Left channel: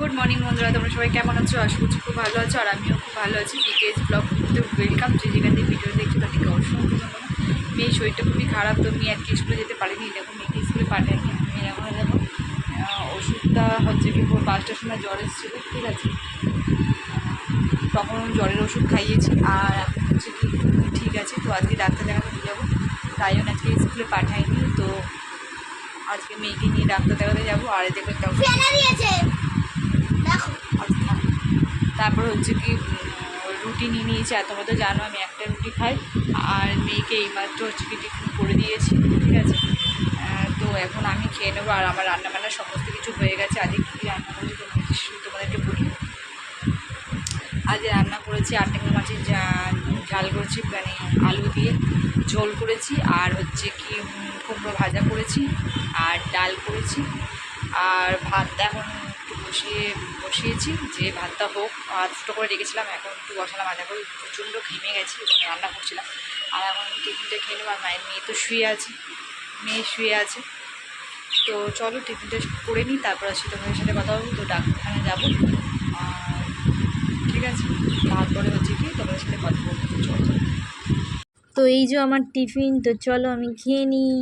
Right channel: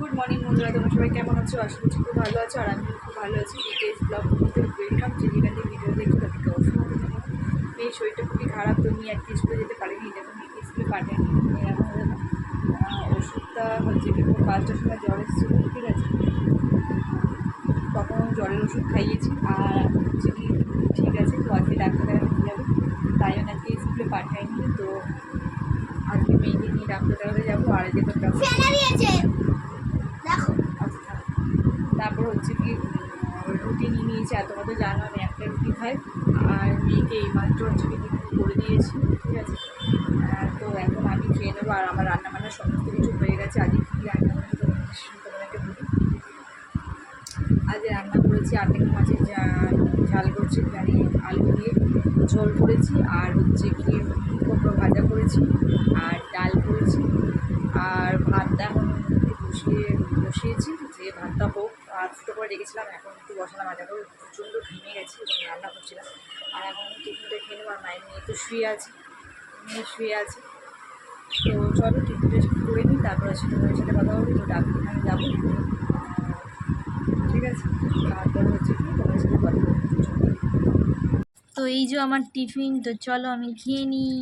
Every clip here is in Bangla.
গুড মর্নিং বন্ধুরা। তোমরা সবাই কেমন আছো? আশা করছি খুব ভালো আছো, আর আমিও খুব ভালো আছি। বিকেএস ব্লগ করতে ওয়েলকাম যে যেখান থেকে ভিডিও দেখছ, তাদেরকে অসংখ্য মেয়ের শরীরটা খুবই খারাপ, তো মেয়ে আজকে স্কুলে যেতে পারেনি। দেখো, মেয়েকে স্কুলে পাঠায়নি মেয়ের এখন দেখো ওষুধটা হচ্ছে কি পাঁচটার সময় জ্বর এসেছিল, ঠিক আছে? তখন জ্বরের ওষুধ খাইয়েছি, আর হচ্ছে কি, ঠিক আছে, তো আজকে ডাক্তার দেখাতে নিয়ে যাব। তাই জন্য আজকে স্কুলে পাঠাইনি, তো আজকে মেয়েকে নিয়ে ডাক্তার দেখাতে যাব। আর দেখো তারপর হচ্ছে কি রুটি নিয়ে নিয়েছি, আর তোমরা তো জানো, আমি একটা রুটি খাই, আর মেয়েকে এইমাত্র হচ্ছে কি টিফিন করে দিয়েছি, ঠিক আছে? তো এখন আমি খেয়ে নেব, আর আমার রান্না বান্না সমস্ত কিছু হয়ে গেছে আজকে কী রান্না করেছি তোমাদের তোমাদেরকে বলি। আজ রান্না করেছি আটেঙ্গা মাছের ঝাল করেছি মানে আলু দিয়ে ঝোল করেছি, আর হচ্ছে কি কুমড়ো ভাজা করেছি, আর ডাল করেছি, আর ভাতটা এখন বসিয়ে, বসিয়েছি, যে ভাতটা হোক, আর দুটো করে রেখেছিলাম, এখন একটু বসালাম, আর এখন প্রচণ্ড ঘেমে গেছি এবং রান্না করছিলাম। আর এখন টিফিনটা খেয়ে নেব, আর মায়ের মেয়ে তো শুয়ে আছে, মেয়ে শুয়ে আছে। তো চলো টিফিনটা করে নিই, তারপর আসি তোমাদের সাথে কথা বলব তো ডাক্তারখানে যাব। ঠিক আছে, তারপরে হচ্ছে কি তোমাদের সাথে কথা বলব তো এই যে আমার টিফিন, তো চলো আমি খেয়ে নিই।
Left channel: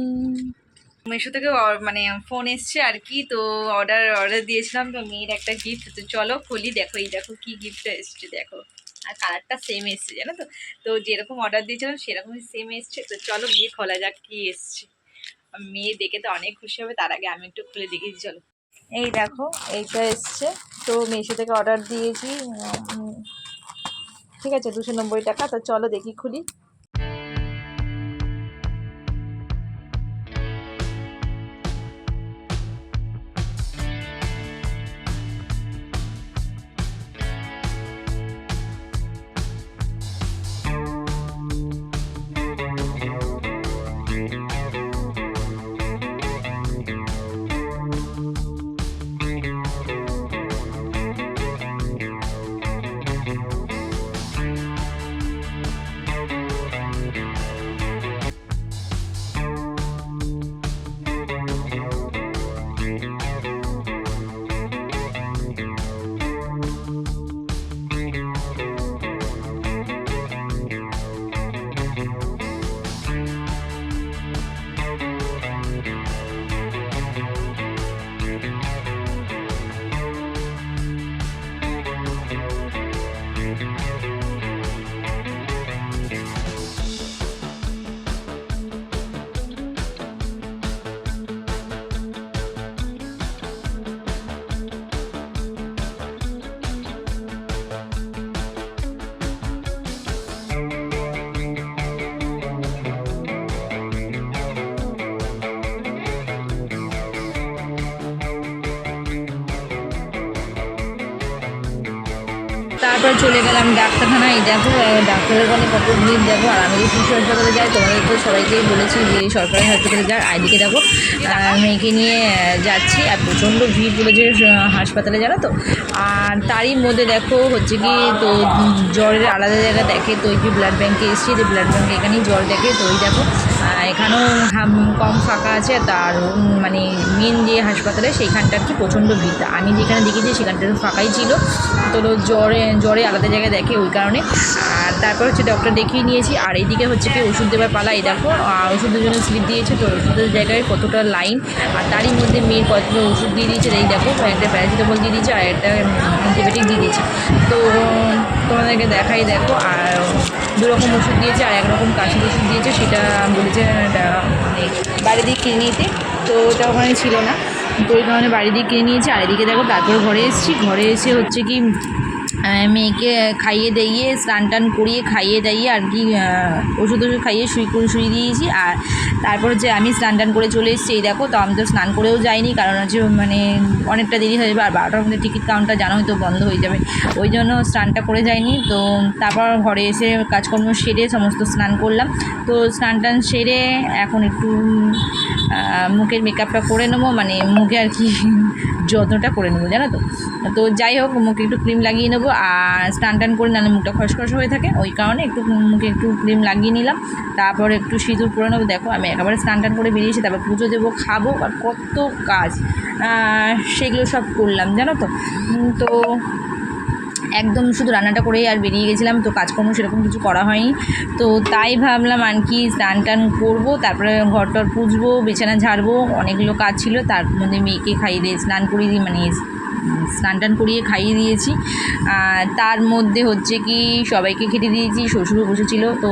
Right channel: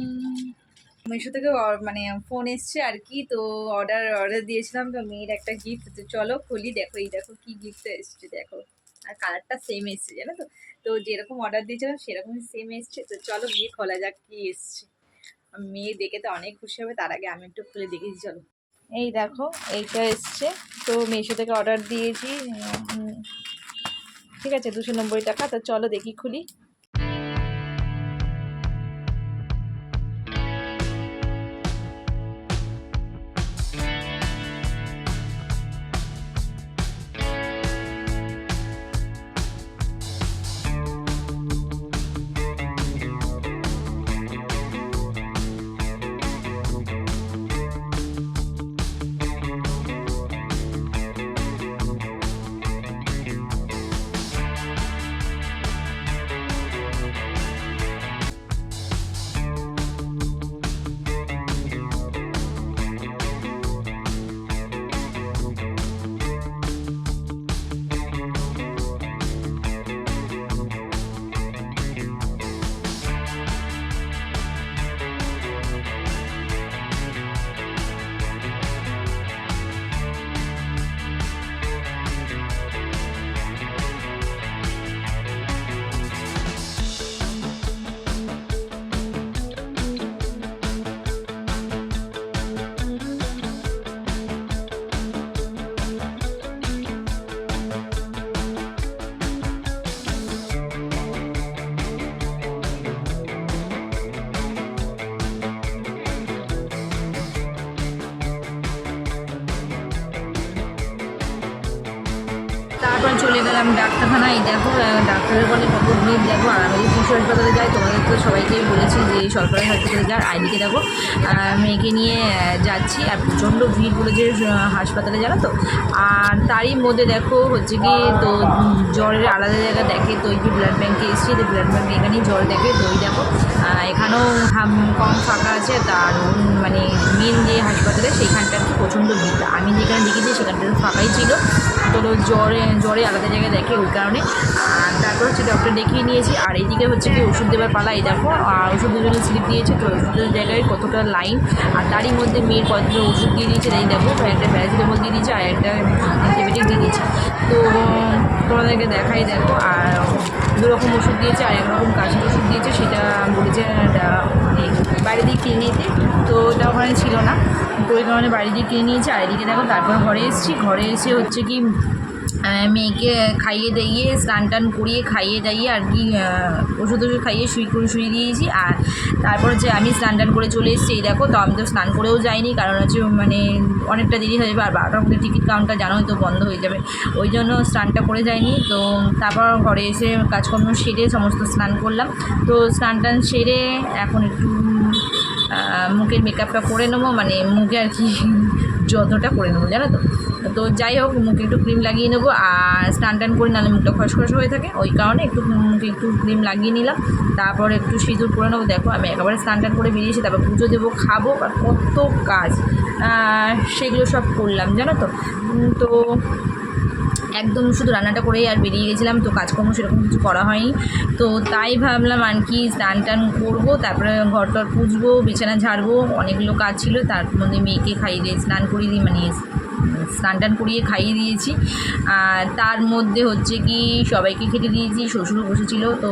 মিশো থেকে মানে ফোন এসছে আর কি। তো অর্ডার অর্ডার দিয়েছিলাম, তো মেয়ের একটা গিফট তো চলো খুলি, দেখো, এই দেখো কি গিফটটা এসছে, দেখো। আর কালারটা সেম এসছে, জানো তো? তো যেরকম অর্ডার দিয়েছিলাম, সেরকমই সেম এসছে। তো চলো, গিয়ে খোলা যাক কি এসছে। মেয়ে দেখে তো অনেক খুশি হবে, তার আগে আমি একটু খুলে দেখেছি চলো। এই দেখো, এইটা এসছে। তো মিশো থেকে অর্ডার দিয়েছি ঠিক আছে, দুশো নব্বই টাকা। তো চলো দেখি, খুলি। তারপর চলে গেলাম ডাক্তারখানায়। দেখো ডাক্তারের বলে কত ভিড়, দেখো, আর আমি যে শিশু হাসপাতালে যাই, তোমাদের তো সবাইকেই বলেছি যে সরকারি হাসপাতালে যাও আইদিকে দেখো মেয়েকে নিয়ে যাচ্ছি, আর প্রচণ্ড ভিড় বলেছে হাসপাতালে জানো তো। আর তারই মধ্যে দেখো, হচ্ছে কি, তো জ্বরের আলাদা জায়গা দেখে, তো ওই যে ব্লাড ব্যাঙ্কে এসেছি, তো ব্লাড ব্যাঙ্কে এখানেই জ্বর দেখে, তো ওই দেখো এখানেও কম ফাঁকা আছে উম, মানে মেন যে হাসপাতালে সেইখানটা আর কি প্রচণ্ড ভিড়। আমি যেখানে দেখেছি সেখানটা ফাঁকাই ছিল। তো জ্বরে জ্বরে আলাদা জায়গায় দেখে ওই কারণে। আর তারপর হচ্ছে ডক্টর দেখিয়ে নিয়েছি। আর এইদিকে হচ্ছে কি ওষুধ দেওয়ার পালা এই দেখো আর ওষুধের জন্য স্লিপ দিয়েছে। তো ওষুধের জায়গায় কতটা লাইন আর তারই মধ্যে মেয়ের কতগুলো ওষুধ দিয়ে দিয়েছে। এই দেখো একটা প্যারাসিটামল দিয়ে দিয়েছে আর একটা অ্যান্টিবায়োটিক দিয়ে দিয়েছে। তো তোমাদেরকে দেখাই দেখো, আর দু রকম ওষুধ দিয়েছে, আর একরকম কাশির ওষুধ দিয়েছে, সেটা বলেছে বাইরে দিয়ে কিনে নিতে। তো ওটা ওখানে ছিল না, তো ওই কারণে বাড়ি দিয়ে কিনে নিয়েছি, আর এদিকে দেখো তারপর ঘরে এসেছি। ঘরে এসে হচ্ছে কি মেয়েকে খাইয়ে দাইয়ে, স্নান টান করিয়ে খাইয়ে দাইয়ে আর কি ওষুধ ওষুধ খাইয়ে শুই করে শুয়ে দিয়েছি। আর তারপর যে আমি স্নান টান করে চলে এসেছি, এই দেখো তো, আমি তো স্নান করেও যাইনি, কারণ হচ্ছে মানে অনেকটা দেরি হয়ে যাবে, আর বারোটার মধ্যে টিকিট কাউন্টার জানোই তো বন্ধ হয়ে যাবে। ওই জন্য স্নানটা করে যাইনি, তো তারপর ঘরে এসে কাজকর্ম সেরে সমস্ত স্নান করলাম। তো স্নান টান সেরে এখন একটু মুখের মেকআপটা করে নেব মানে মুখে আর কি যত্নটা করে নেব, জানো তো? তো যাই হোক, মুখে একটু ক্রিম লাগিয়ে নেব আর স্নান টান করে নাহলে মুখটা খসখস হয়ে থাকে। ওই কারণে একটু মুখে একটু ক্রিম লাগিয়ে নিলাম। তারপর একটু সিঁদুর পরে নেব। দেখো, আমি একেবারে স্নান টান করে বেরিয়েছি, তারপর পুজো দেবো, খাব আর কত কাজ। সেগুলো সব করলাম, জানো তো? তো একদম শুধু রান্নাটা করেই আর বেরিয়ে গেছিলাম, তো কাজকর্ম সেরকম কিছু করা হয়নি। তো তাই ভাবলাম আর কি স্নান টান করব, তারপরে ঘর টর পুজবো, বিছানা ঝাড়বো, অনেকগুলো কাজ ছিল। তার মধ্যে মেয়েকে খাইয়ে দিয়ে স্নান করিয়ে দিই মানে স্নান টান করিয়ে খাইয়ে দিয়েছি। তার মধ্যে হচ্ছে কি সবাইকে খেতে দিয়েছি, শ্বশুরও বসেছিল, তো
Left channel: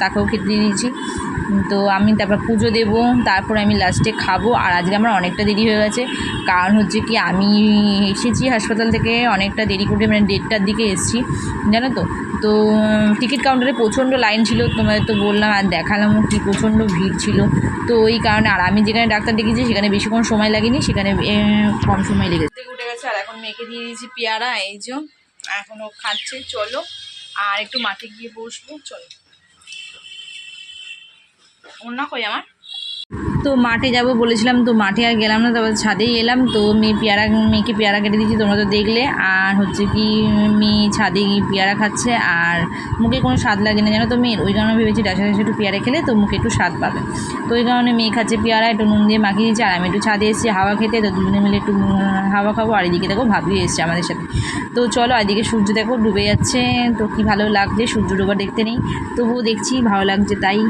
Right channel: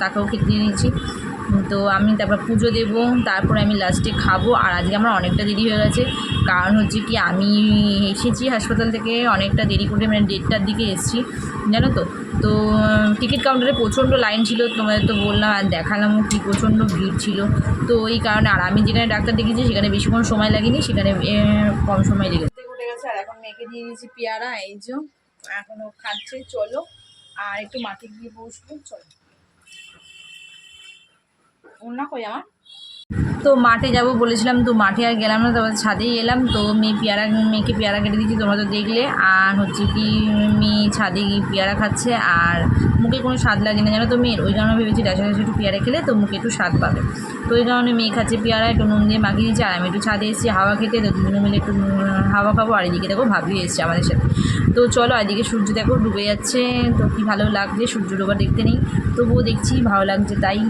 তাকেও খেতে দিয়ে দিয়েছি। তো আমি তারপর পুজো দেবো, তারপরে আমি লাস্টে খাব। আর আজকে আমার অনেকটা দেরি হয়ে গেছে, কারণ হচ্ছে কি আমি এসেছি হাসপাতাল থেকে অনেকটা দেরি করে মানে দেড়টার দিকে এসেছি, জানো তো? তো টিকিট কাউন্টারে প্রচণ্ড লাইন ছিল, তোমাদের তো বললাম, আর দেখালামও কি প্রচণ্ড ভিড় ছিল। তো ওই কারণে, আর আমি যেখানে ডাক্তার দেখিয়েছি, সেখানে বেশিক্ষণ সময় লাগেনি, সেখানে কম সময় লেগেছে। মেয়েকে দিয়ে দিয়েছি পেয়ারা, এই যে এখনও খাচ্ছে, চলো। আর একটু মাঠে গিয়ে বসবো, চলো। অন্য কই আমার? তো মাঠে যাব বলেছিলাম, তো মাঠে আর গেলাম না, তারপর ছাদেই এলাম, তো মেয়ে পেয়ারা, মেয়েকে পেয়ারা কেটে দিয়েছি, তোমরা তো দেখলে, আর হচ্ছে কি মেয়ে ছাদে গিয়ে পেয়ারা খাচ্ছে, আর মুখে কোনো স্বাদ লাগে না, জানো তো মেয়ের, ওই কারণে ভেবেছি ডাসা ডাসা একটু পেয়ারা খেলে তো মুখে একটু স্বাদ পাবে। তো ওই কারণে মেয়ে খাচ্ছে পেয়ারা, একটু নুন দিয়ে মাখিয়ে দিয়েছি, আর আমি একটু ছাদে এসেছি হাওয়া খেতে, তো দুজনে মিলে একটু হাওয়া খাব, আর এদিকে দেখো ভাবিও এসছে আমাদের সাথে। তো চলো এদিকে সূর্য দেখো ডুবে যাচ্ছে, তো কি ভালো লাগছে, সূর্য ডোবা দেখতে নেই, তবুও দেখছি ভালো লাগছে তাই।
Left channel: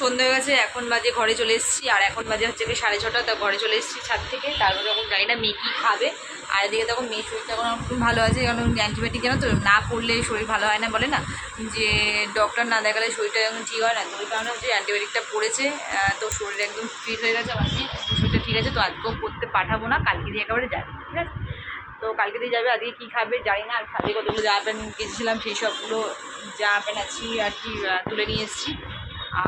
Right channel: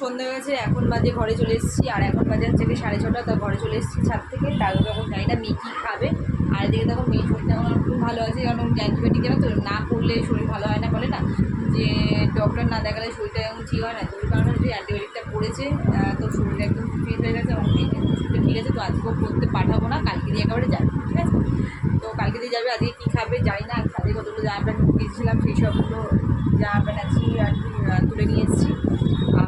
সন্ধ্যা হয়ে গেছে, এখন বাজে ঘরে চলে এসেছি, আর এখন বাজে হচ্ছে কি সাড়ে ছটা, তা ঘরে চলে এসেছি ছাদ থেকে। তারপরে এখন জানি না মেয়ে কী খাবে। আর এদিকে দেখো মেয়ে শরীরটা এখন খুব ভালো আছে, কারণ অ্যান্টিবায়োটিক জানো তো, না করলে শরীর ভালো হয় না বলে না। যে ডক্টর না দেখালে শরীরটা এখন ঠিক হয় না, তো ওই কারণে হচ্ছে অ্যান্টিবায়োটিকটা পড়েছে তো শরীর একদম ফিট হয়ে গেছে আমার শরীরটা ঠিক আছে, তো আজকেও করতে পাঠাবো না, কালকে দিয়ে একেবারে যাবে, ঠিক আছে? তো কালকে দিয়ে যাবে, আজকে কী খাবে জানি না খাবে কতগুলো জামা প্যান্ট গেছিলাম সেই সবগুলো জামা প্যান্ট আছি আর কি তুলে নিয়ে এসেছি।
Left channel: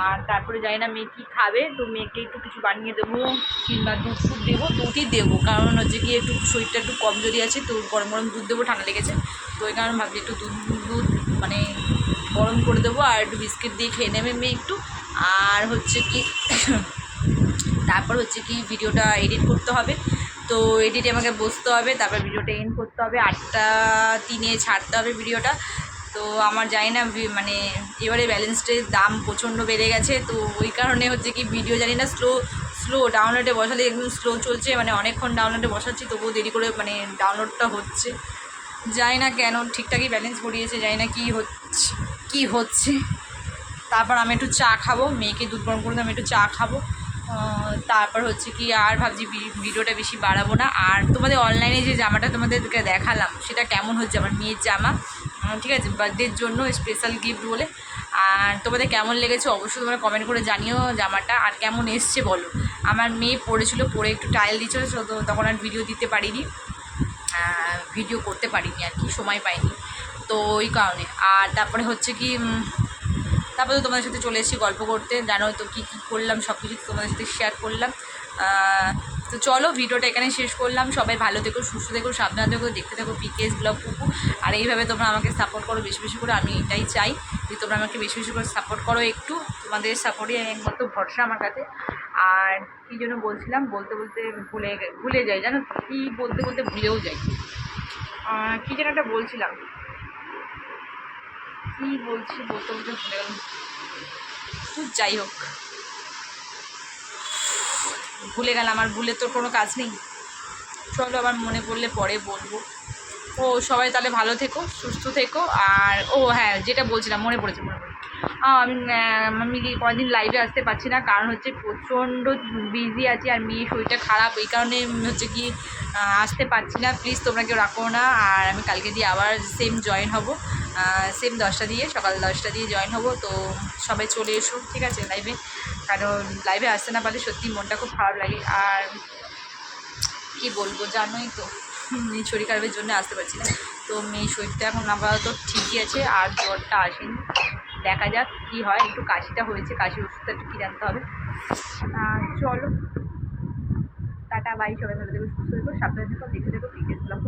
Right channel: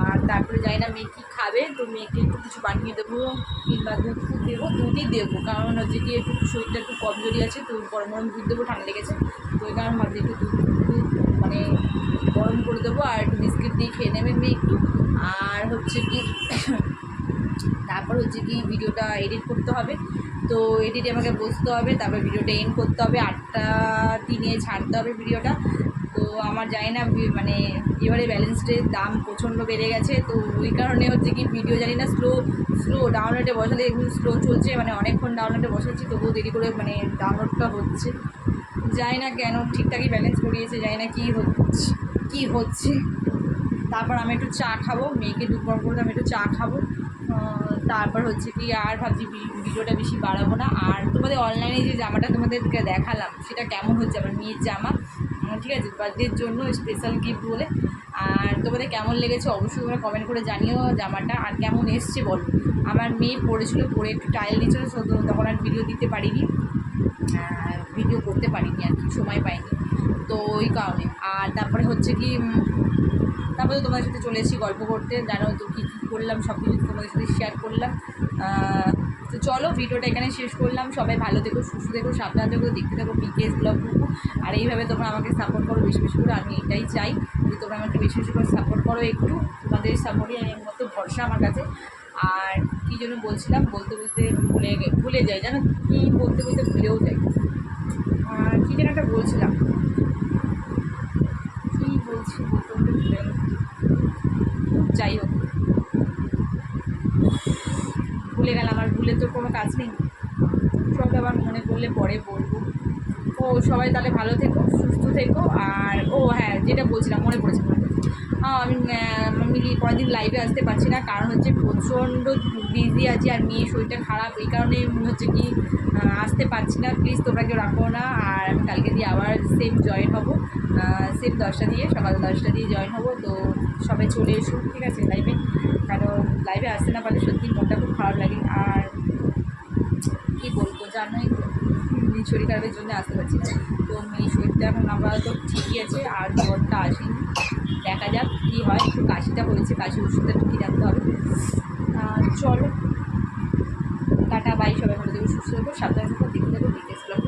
আর তারপরে জানি না মেয়ে কী খাবে, তো মেয়েকে একটু কিছু বানিয়ে দেবো, কিংবা দুধ ফুড দেবো, দুধই দেবো। কারণ হচ্ছে কি একটু শরীরটা একটু কমজোরি আছে, তো গরম গরম দুধ দেবো, ঠান্ডা লেগেছে। তো ওই কারণে ভাবছি একটু দুধ দুধ মানে গরম করে দেবো, আর একটু বিস্কিট দিয়ে খেয়ে নেবে মেয়ে একটু। আর হচ্ছে কি, তারপর হচ্ছে কি ভিডিওটা এডিট করতে হবে। তো এডিটে আমাকে বসতে হবে, তারপর ভিডিওটা এন্ড করতে হবে। আটটা তিনে ছাড়তে হবে ভিডিওটা। আমার জানি না মানে এবারে ব্যালেন্সডের দাম প্রচণ্ড বেড়ে গেছে, তো ওই কারণে হচ্ছে কি ভিডিও জানি না স্লো স্লো ডাউনলোডে বসালে একদম স্লো চলছে মানে অনেকক্ষণ ডাউনলোডে বসাচ্ছি, তবুও দেরি করে মানে ডাউনলোডটা হচ্ছে। জানি না কেন ঠিকঠাকই ব্যালেন্স করিয়েছে, জানি না কী হচ্ছে কী হচ্ছে। তারপর আমি একটু চা খাব, মেয়েকে দুধ গরম করে আমি একটু চা খাব। তারপর হচ্ছে কি আর ভাবছি ভিডিওটা বেশি বাড়াবো না। আর তোমাদের অনলাইনে যে জামাটা তোমাদেরকে দেখালাম, সেটা কেমন হচ্ছে? আমার মেয়ের জামা। ঠিক আছে বার্থডের জন্য স্পেশাল গিফট বলে। আর তোমাদের কেমন লেগেছে অবশ্যই তোমরা কমেন্ট করে জানিও জামাটা। আর কেমন এসছে বলো। আমার মেয়ে পড়েছিল, পরে একটু টাইল দিচ্ছিল তো তখন আর ভিডিও দিতে পারিনি। ভিডিও করতে পারিনি আর কি, সময় পাইনি। তো ওই কারণে। আর তারপরে হচ্ছে কি তারপরে তোমাদের সাথে চলে এসেছি গল্প করতে। জানো তো কী কী করলাম সব কিছু তোমাদের সাথে শেয়ার করলাম। তো চলো ভিডিওটা এখানে শেষ করলাম। সবাই ভালো থেকো, সুস্থ থেকো, সাবধান থেকো, দেখতে থাকো পিকেএস ব্লগ আর এইভাবে তোমরা আমাকে সাপোর্ট করো, বেশি বেশি করে আমি এটাই চাই যে তোমরা আমাকে বেশি বেশি করে সাপোর্ট করো একটু। তোমাদের সাপোর্টই একমাত্র ভরসা আমার কাছে। আর কী জন্য বলছিলাম, বলতে বলতে ভুলে ভুলে যাই, জানো কী বলতে বলতে ভুলেও যাই। কী যেন একটা বলছিলাম। কী বলছি, বলতে বলতে ভুলে গেলাম। যাই হোক। ভুলে গেলাম, আর ভুলে তোর কোনো কাজ নেই। চলো আবার মনে পড়লে পরে বলব। ও সবাই তাহলে ভালো থেকো, সুস্থ থেকো। আর, ও হ্যাঁ যেটা বলছিলাম, মনে পড়েছে মনে পড়েছে। আমি আমি কয়েকদিন লাইভে আসতে পারছি না, কারণ হচ্ছে প্রচণ্ড বিজি আছি আর মেয়ে শরীরটা খারাপ, এই কারণে হচ্ছে কি আসতে পারছি না। প্লিজ তোমরা কেউ রাখো না। আর আমি কালকে দিয়ে আবার সেম জয়েন হব। সেম দশটা দিয়ে, সকাল দশটা দিয়ে জয়েন হব। তো সবাই চলে এসো, ঠিক আছে লাইভে কারণ লাইভে আসতে না পারলে সত্যি মনটা খুব খারাপ লাগে। আর কি বলব, জানোই তো। শরীর খারাপের জন্য আসতে পারছি না। তো মেয়ে শরীরটা এখন আপাতত ঠিকই আছে, আর জ্বরটা আসেনি। দেখা যাক কী হয়, একটু কাশিটা হয়েছে, কাশির ওষুধটা কী রাখতে হবে। চলো। টাটা বাই সবাই ভালো থেকো, সুস্থ দেখো সাবধানে থেকো, দেখতে দেখো বিকেস ব্লগ